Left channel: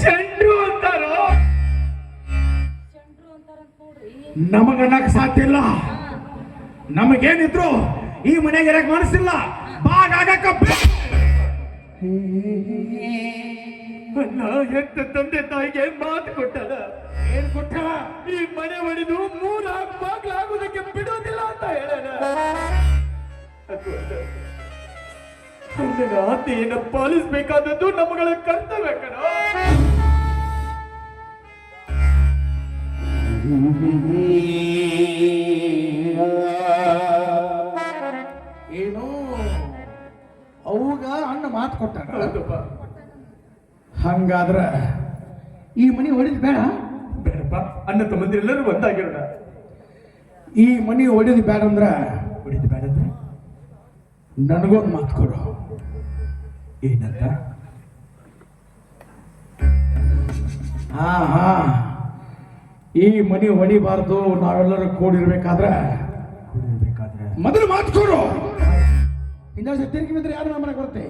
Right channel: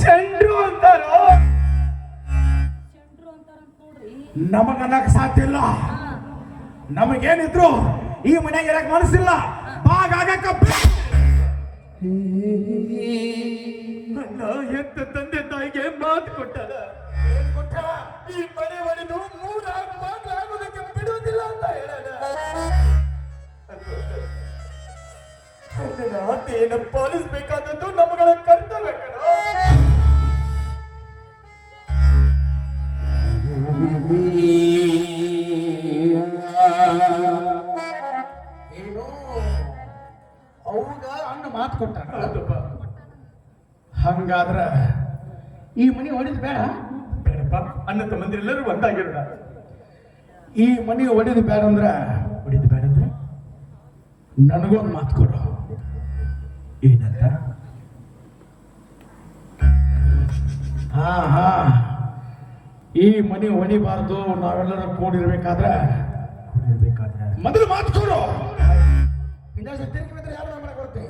ಶಂಡ್ರು ಅಂತಾರೋ? ನಮಗ ನಮಗನ್ನಕ್ ಸಾಧ್ಯ ಇಲ್ಲ. ನಮಗೇನಿದ್ರು ಈ ಮನೆಗೆ ಇರಕ್ ಮನಸ್ಸಿಲ್ಲ. ಬಾಗ ಆಗಕ್ಕ ಎಂತ ತಂದೆ ತಾಯಿಗೆ ಮಾತು ಕೊಟ್ಟದ? ಏನ್ ಕೊಟ್ಟವ? ಈ ಮನೆ ಒಡೆದು ಮೂರ ಬಾಗ್ಲಾಗುದಕ್ಕೆ ಬಿಡೋದಿಲ್ಲ ಅಂತ ಹೇಳದ ನನ್ನ ಆಸೆಯನ್ನು ಪಾಲಿಸಬೇಕಾದದ್ದು ನಮ್ಮಗಳ ಕರ್ತವ್ಯ ಕಣ. ಏನು ಅವಾಗ ಅಣ್ಣ ಮಾತು ಕೊಟ್ಟ ಹಂಗಾದ್ರ ಈ ಮನಿ ಹೊಡೆದ್ ಬೇಡ? ಬೇಡಪ್ಪ. ಅಣ್ಣ ತಮ್ಮಂದಿರೆಲ್ಲರೂ ಒಂದಾಗಿರೋಣ ಈ ಮನಿ ಹೊಡೆದ್ ಬೇಡ ಅಂದ್ರ ನನಗೊಂದು ಮಾತು ಕೊಡು. ಏನಂತ? ಹಾ ಹಾ. ಈ ಮನಿ ಹೊಡಿಬಾರ್ದು ನಾವೆಲ್ಲರೂ ಕೂಡಿರ್ಬೇಕಾದ್ರೆ? ಮೊದಲು ಮಾತು ಕೊಡು. ಇನ್ನೊಂದು ತಿರುಗಿ ಬಿದ್ರೆ ಯಾರು ನಮ್ಮ ಮನೆಗೆ ಬರುತ್ತೆ?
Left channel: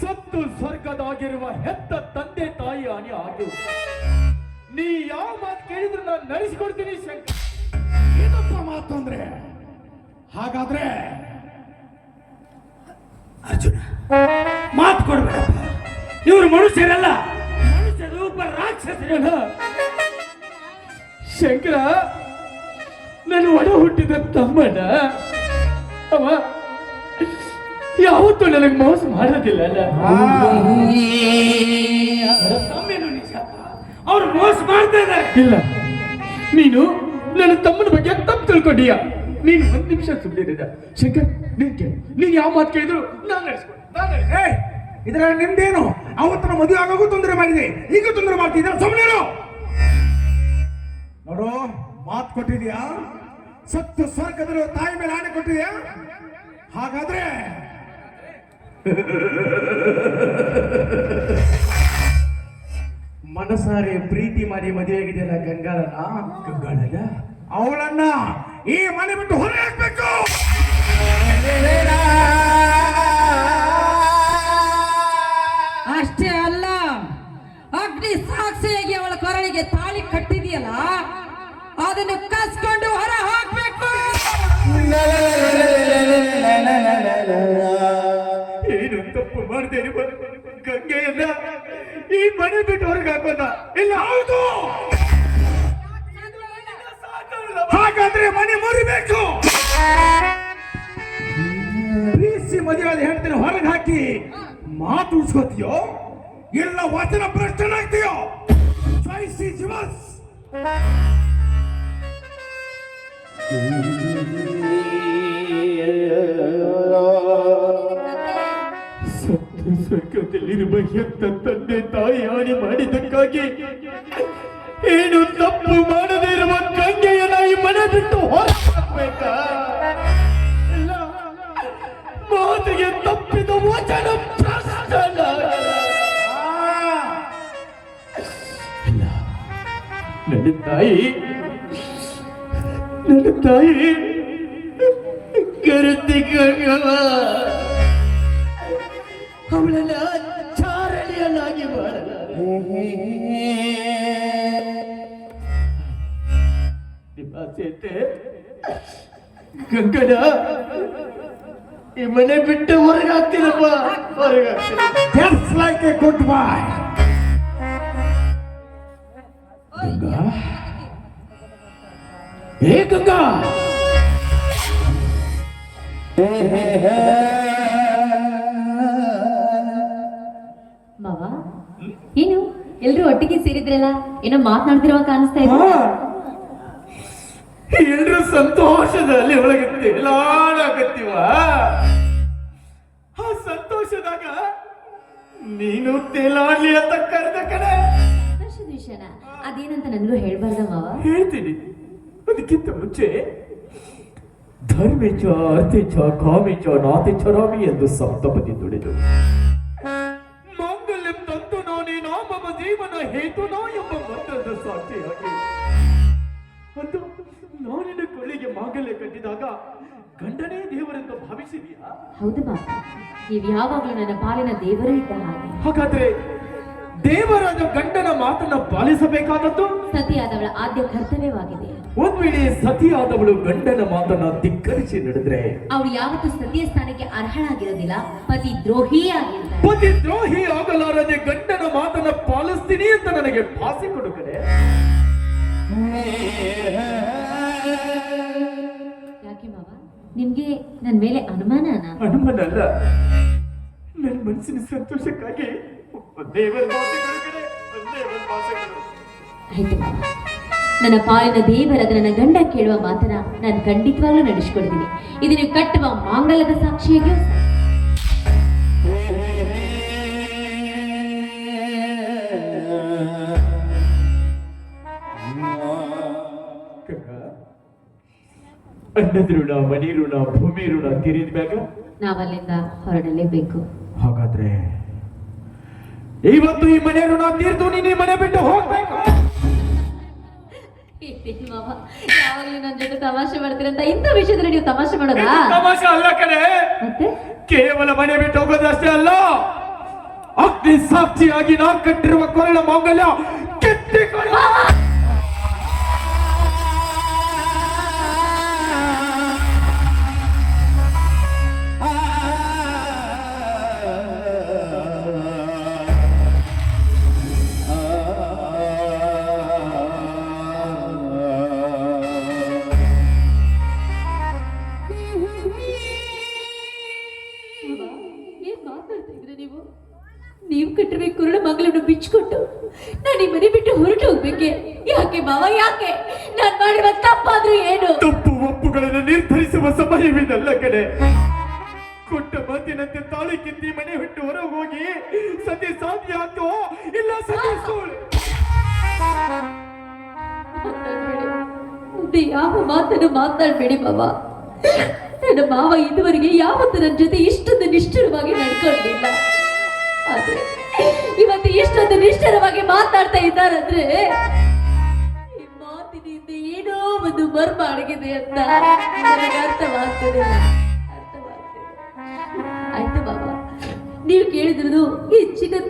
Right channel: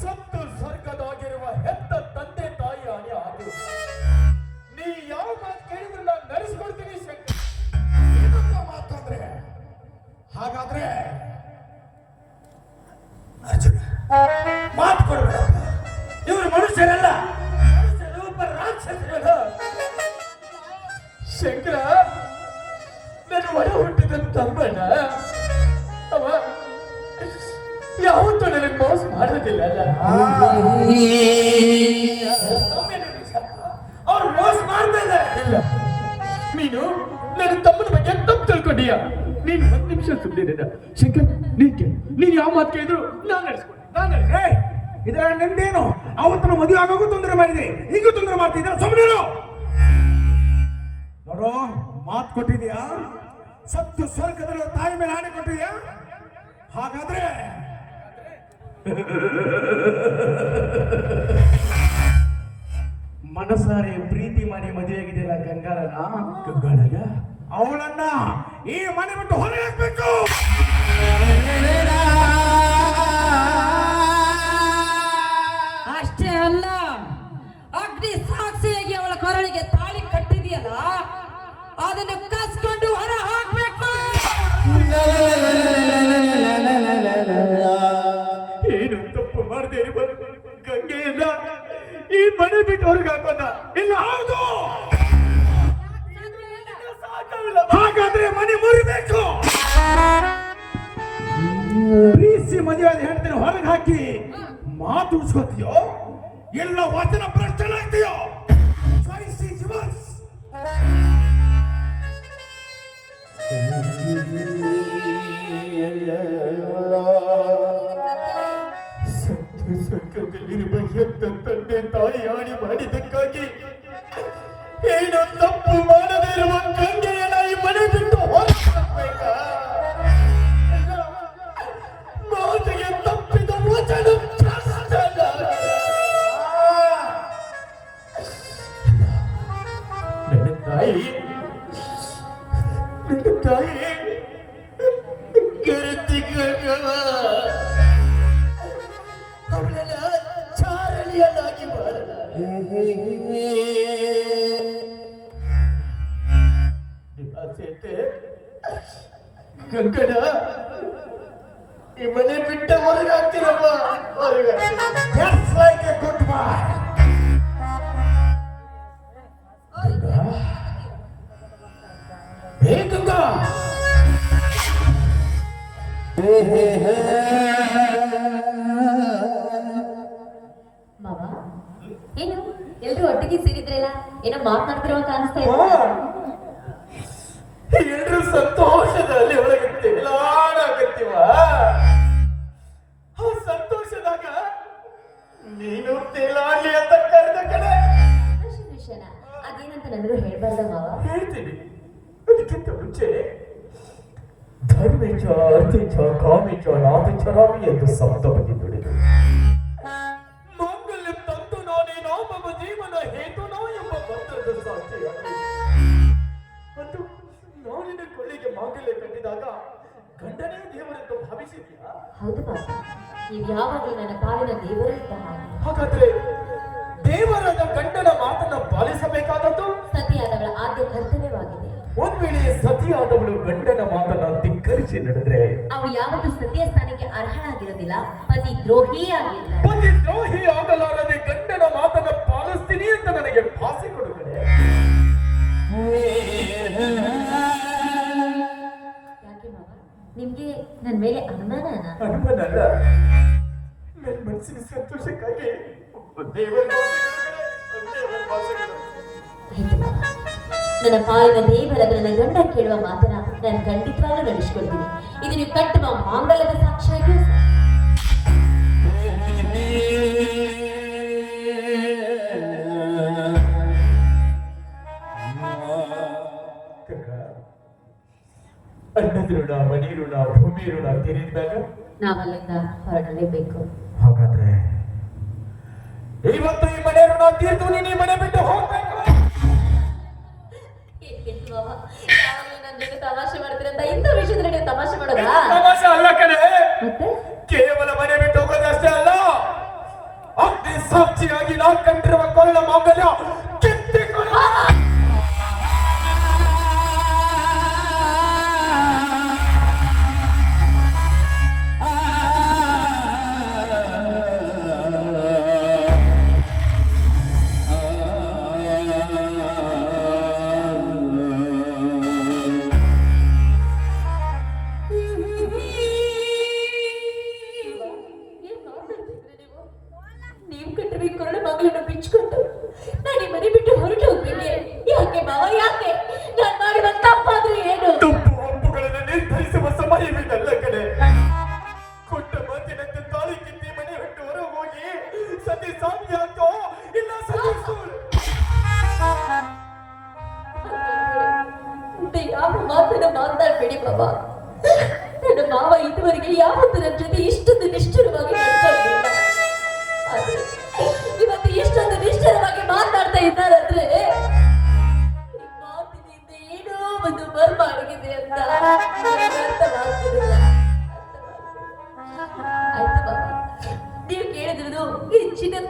ಸತ್ತು ಸ್ವರ್ಗದಾಗಿರುವ ಹೆತ್ತ ತಂದೆ ತಾಯಿ ಹಾನಿ ಆಗಿರು. ನೀ ಯಾವ ಮಾತು ಕೇಳಿದ್ರು ನಾನು ನಡೆಸಿಕೊಡ್ತೀನಿ ಶಂಕರ್. ಮಾತು ಕೊಡ್ಬೇಡಪ್ಪ. ಇವರು ಮನುಷ್ಯರಲ್ಲ. ಮನುಷ್ಯ ರೂಪ ರಾಕ್ಷಸರಲ್ಲ ಶಂಕರ, ನನ್ನ ಒಡ ಹುಟ್ಟಿದ ತಮ್ಮನ ಅವ ಯಾವತ್ತೂ ನನಗೆ ಮೋಸ ಮಾಡೋದಿಲ್ಲ ಅಲ್ಲ? ಅವ್ರು ಮೋಸ ಮಾಡ್ತಾ ಇಲ್ಲ. ನೀನು ನನ್ನ ತಮ್ಮನ ಬಗ್ಗೆ ತಪ್ಪು ತಿಳ್ಕೊಂಡಿಯಾ? ನೀನು ಒಂದು ನಿಮಿಷ ಸುಮ್ಮನೆ ಶಂಕರ್, ನೀನ್ ನೀನ್ ಯಾವ ಮಾತು ಕೇಳಿದ್ರು ನಾನು ನಡೆಸ್ಕೊಂಡು ಇದರ ನಿಂದೇನು ಅವತ್ತಿನ ಮದುವೆ ಆಗೋಗೂ ತೊಂದರೆ ಮಾಡಿದೆ ಈಗ ತೊಂದರೆ ಮಾಡ್ತಿದ್ರ ಸುಮ್ಮನೆ ನೋಡು ಮಾತು ಕೊಟ್ಟಿದ್ಯಾ ಸತ್ಯ ಸ್ವರ್ಗದ ತಾಯಿ ಮೇಲೆ ಆಣೆ ಕೊಟ್ಟಿದ್ಯಾ ಹಾಗಾದ್ರೆ ಮನಸಾರೆ ಪ್ರೀತಿ ಮಾಡಿ ಮದುವೆಯಾಗಿದೆಯಲ್ಲ ಗಂಗಾರನ ಗಂಗಾಳಗ ಅವಳನ್ನ ಈ ಮನೆ ಬಿಟ್ಟು ಹೊರ ಹಾಕ್ಬೇಕು ಅಷ್ಟೇ ಅಲ್ಲ. ಅಗ್ನಿ ಸಾಕ್ಷಿಯಾಗಿ ಅವಳ ಕೊರಳಿಗೆ ತಾಳಿ ಕಟ್ಟಿದೆಯಲ್ಲ, ಅದನ್ನು ಕಸ್ಕೊಂಡು ಹೊರ ಹಾಕ್ಬೇಕು. ಏನು ತಪ್ಪು ಮಾಡದೆ ಇಲ್ಲ ಈ ಮನೆ ಬಿಟ್ಟು ಹೊರಗೆ ಹಾಕೋದ? ಇಲ್ಲ, ಹೌದು. ಹಾಗಾದ್ರೆ ಮನೆ ಮುರಿಬೇಕು. ಪ್ರೀತಿ ಮದುವೆ ಹೇಳ್ತೇನೆ, ಹೊರಗೆ ಹಾಕಿ. ಮಾತು ಉಳಿಸ್ಕೋತೀಯೋ? ಎಲ್ಲ ವಚನ ಭ್ರಷ್ಟನಾಗ್ತೀಯೋ ಚಾಯ್ಸ್ ಇಸ್ ಯುವರ್ಸ್ ಸತ್ತು ಸ್ವರ್ಗದಲ್ಲಿರುವ ಹೆತ್ತ ತಂದೆ ತಾಯಿ ಹಾನಿ ಮಾಡಿದ್ದಕ್ಕಾಗಿ ಏನು ತಪ್ಪು ಮಾಡದೇ ಇರುವ ಗಂಗೆಯ ನಾಯಿ ಮನೆ ಬಿಟ್ಟು? ಇಲ್ಲ. ಮಾತಿಗೆ ತಪ್ಪಿದ ವಚನ ನನ್ನ ತಾಯಿ ನನ್ನ ತಾಯಿ ಗರತಿ ಗಂಗವ ಅವಳನ್ನ ಚಾರಣಿಯನ್ನಾಗಿ ನಿವಾಸತೆ ಗಂಗನ ಈ ಮನೆ ಬಿಟ್ಟ ಹೊರಗಾಗ್ತೀರಪ್ಪ ಹೊರಗಾಗ್ತೀರ ಹೊರಗೆ ಹಾಕ್ತೀರ ಗಂಗಾ! ಹೇ ಗಂಗಾ ಮಾವ ಏನು? ಎಲ್ರು ಒಟ್ಟಿಗೆ ಸೇರಿದ್ರಲ್ಲ? ಏನೋ ಮಾತನಾಡ್ತಿರುವ ಕಾಣಿಸ್ತಾ ಇದೆ. ಎಲ್ರು ಸಂತೋಷದಲ್ಲಿ ಒಳಗೆ ತೇಲಾಡಕತ್ತೀವ ಆ ಸಂತೋಷದಾಗ ನೀನು ತೇಲಾಡ್ಲಿ ಅಂತ ಕರೆದ ಕಡೆ ಅದೇನಂತ ನನಗೂ ಹೇಳ್ಬಾರ್ದ ಮಾವ ಹೇಳ್ತೀನಿ. ಅದಕ್ಕಿಂತ ಮುಂಚೆ ಧರ್ಮೇಚ ಅರ್ಥೇಚ ಕಾಮೇಚ ನಾಥೇಚ ರಾಮಿ ಎಂದು ಸಪ್ತಪದಿ ದುಡಿದು ಮಾಂಗಲ್ಯ ತಂತು ನಾನೇ ನಾಮಮ ಜೀವನ ಹೇತುನೋ ಎಂಬ ಮಂತ್ರದ ಸಾಕ್ಷಿಯಾಗಿ. ಮತ್ತು ನಾನಿನ ಕೊಳ್ಳಿಗೆ ಮಾಂಗಲ್ಯ ಕಟ್ಟಿದಾಗ ಗಂಡನೇ ದೇವರೆಂದು ಭಾವಿಸಿದೆಯಾ? ಹೌದು ಮಾವ. ನೀವು ಯಾವಾಗಲೂ ನನ್ನ ಪಾಲಿನ ದೇವರೇ ಇದ್ದ ಹಾಗೆ. ಹಾಗಾದ್ರೆ ದೇವರಾದ ಗಂಡನ ಮಾತನ್ನ ಪಾಲಿಸಬೇಕಾದದ್ದು? ಸತಿಯಾದವಳ ಆದ್ಯ ಕರ್ತವ್ಯವಾಗಿದೆ. ಒಂದ್ ವೇಳೆ ಸತಿಯಾದವಳು ಗಂಡನ ಮಾತನ್ನ ಧಿಕ್ಕರಿಸಿ ನಡೆದ್ರೆ? ಅವಳು ಯಾವತ್ತೂ ಸತಿಯ ಸ್ಥಾನಕ್ಕೆ ಅರ್ಹಳಾಗಿರೋದಿಲ್ಲ. ಪತಿ ದ್ರೋಹಿ ಆಗಿ ಪತಿ ದ್ರೋಹಿ ಆಗಲಾರದೆ ಗಂಡನ ಮಾತನ್ನ ಪಾಲಿಸ್ತೀನಿ ಅಂತ ನನಗೆ ಭಾಸಿ ಕೊಡುಗರೆ ಯಾಕೆ ಮಾವ? ನಿಮ್ಗೆ ನನ್ ಮೇಲೆ ಅನುಮಾನ ಅನುಮಾನ ಅಲ್ಲ ನನ್ನ ಮನಸ್ಸಿನ ಸಂತೋಷಕ್ಕಾಗಿ ನನ್ನ ಪಾಲಿನ ದೇವರಾದ ನನ್ನ ಗಂಡ ಕೇಳುವ ಮಾತನ ನಾನು ಖಂಡಿತವಾಗ್ಲೂ ನಡೆಸ್ಕೊಳ್ತೀನಿ ಇದು ನೀವು ಕಟ್ಟುವ ಮಾಂಗಲದ ಸಾಕ್ಷಿಯಾಗಿ ಅನ್ನದ ಋಣ ಮನಿ ಋಣ ಭೂಮಿ ಋಣ ತೀರಿದ್ಬೇಕ ನಾವಲ್ಲಿಂದ ಹೊರಡಲೇಬೇಕು. ಹಾಗಾದ್ರೆ ಇವತ್ತು ಈ ಮನೆ ಋಣ ತೀರ್ತು ನೀನು ಈ ಮನೆ ಬಿಟ್ಟು ಹೋಗ್ಬೇಕು. ಯಾವಾಗಲೂ ನನ್ನ ಜೊತೆ ತಮಾಷೆ ಮಾಡ್ತೀರಂತ ಇಂಥ ವಿಷಯದಲ್ಲಿ ನೀವು ತಮಾಷೆ ಮಾಡೋದಾ? ತಮಾಷೆ ಅಲ್ಲ ಕಡೆ ಮತ್ತೆ? ಕೇವಲ ಮನೆ ಬಿಟ್ಟು ಹೋಗೋದಷ್ಟೇ ಅಲ್ಲ. ಅಗ್ನಿ ಸಾಕ್ಷಿಯಾಗಿ ನಾ ಕಟ್ಟಿರುವ ಕೊರಳ ಮಾಂಗಲ್ಯ ತಪ್ಪು ಒಪ್ಪುಗಳನ್ನು ನಿರ್ಧರಿಸುವ ಸಮಯವಿದಲ್ಲ ಕಡೆ ಕೊಟ್ಟ ಮಾತಿನಂತೆ ತಾಳಿ ಕಿತ್ತಿ ಮನೆ ಬಿಟ್ಟು ಹೊರ ಹೋಗಿ ಸತಿ ಸಾಧ್ಯ ಆಗ್ತೋ ಇಲ್ಲ ಯಾವ ಮಾತನ್ನು ಮಾತಾಡ್ಬೇಡಿ ಬಾಬಾ ನನ್ನ ಮಾವ ಇದುವರೆಗೆ ಯಾವತ್ತು ನನ್ನ ಜೊತೆ ಇಷ್ಟೊಂದು ನಿಷ್ಠುರವಾಗಿ ಇವತ್ತು ಇಷ್ಟೊಂದು ನಿಷ್ಠುರವಾಗಿ ಮಾತಾಡ್ತಾ ಇದ್ದಾರಂದ್ರೆ ಒಂದು ಮರ್ಮ ಅಡಗಿದೆ ಅಂತ ನನಗೆ ಅರ್ಥವಾಗ್ತಿದೆ. ಅರ್ಥವಾಗ್ತಿದೆ. ಆಯ್ತು ಬಾಬಾ. ನೀವು ಕೇಳಿದ್ರು ಈ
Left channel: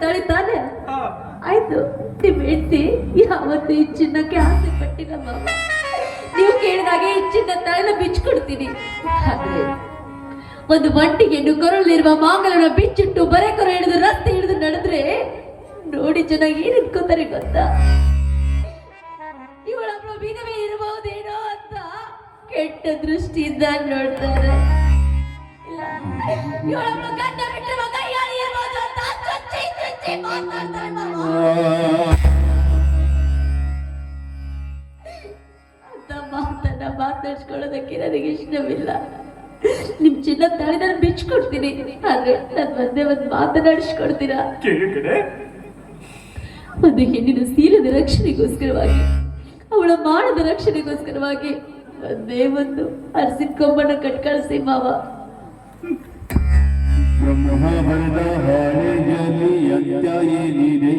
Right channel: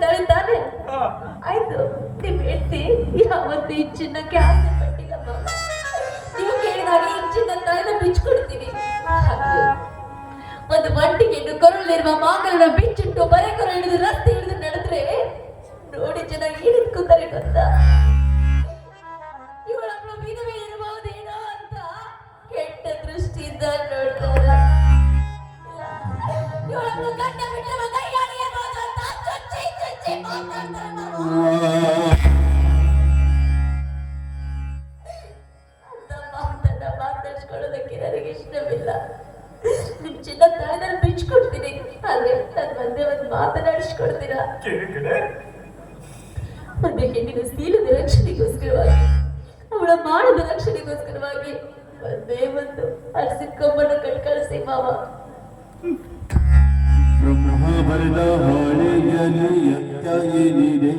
ತಳಿ ತಾನೆ? ಆಯ್ತು. ನಿಮ್ ಹೆಂಡತಿ ಯಾವತ್ತು ಈ ಚಿನ್ನಕ್ಕೆ ಆಸೆ ಪಟ್ಟಿಲ್ಲ ಮಾವ ನೀವು ಕೇಳಿದಾಗೆ ಹೆಚ್ಚಿನ ಬಿಚ್ಕೊಡ್ತೀನಿ. ಆದ್ರೆ ಒಂದು ಒಂಟಿಗೆ ಕೊರಳಿರುವ ಮಾಂಗಲನ ಬಿಚ್ಚಿಟ್ಟು ಬರೆ ಕೊರ ಹಿಡಿದು ರಸ್ತೆ ಹಿಡಿದು ನಡೆದ್ರೆ ನೋಡಿ ಚೆನ್ನಾಗಿ ಏನ್ ಗೊತ್ತಾ? ಕೆಟ್ಟ ದೃಷ್ಟಿಯಿಂದ ನೋಡ್ತಾರೆ ಗಂಡ ಬಿಟ್ಟವ ಕೈಯಾಳಿ ಇರ್ಬೋದು ಅಂತ ಚುಚ್ಚಿ ಚುಚ್ಚಿ ಮಾತಾಡ್ತಾರೆ. ಅಂತ ಮಾತನ್ನ ಮಾತಾಡ್ಸ್ಕೊಳ್ಳೋದಕ್ಕೆ ನನಗೆ ಇಷ್ಟವಿಲ್ಲ. ನಿಮ್ ಚಿನ್ನ ತಾಳಿ ನಾನು ಬಿಚ್ಕೊಡ್ತೀನಿ. ಆದ್ರೆ ನನ್ ಒಂದೇ ಒಂದು ಮಾತನಾಡಿಸ್ಕೊಡ್ತೀರಾ ಕೇಳು ಕಡೆ ಒಂದು ಹೆಣ್ಣಿನ ಸೀಲದ ರಕ್ಷಣೆಗೋಸ್ಕರವಾಗಿ ಅವಳ ಮಾನದ ರಕ್ಷಣೆಗೋಸ್ಕರವಾಗಿ ಒಂದೇ ಒಂದು ಅರಸಿನ ಕೊಂಬನ ಕಟ್ ಕಳಿಸಿ ಮಾವ. ಬ್ರಹ್ಮವರದ ಹಾಳೆಯಲ್ಲಿ ಅತ್ಯಾಯೇನಿದೆ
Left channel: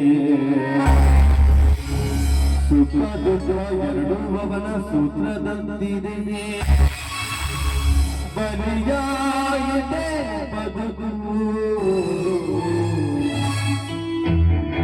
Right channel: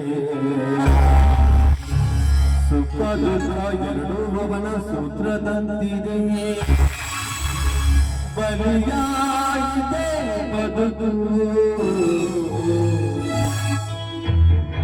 ಸುಖ ದುಃಖ ಎರಡೂ ಅವನ ಸೂತ್ರದಂತಿದೆ. ಬಲಿಯಾಗಿದೆ ಬದುಕು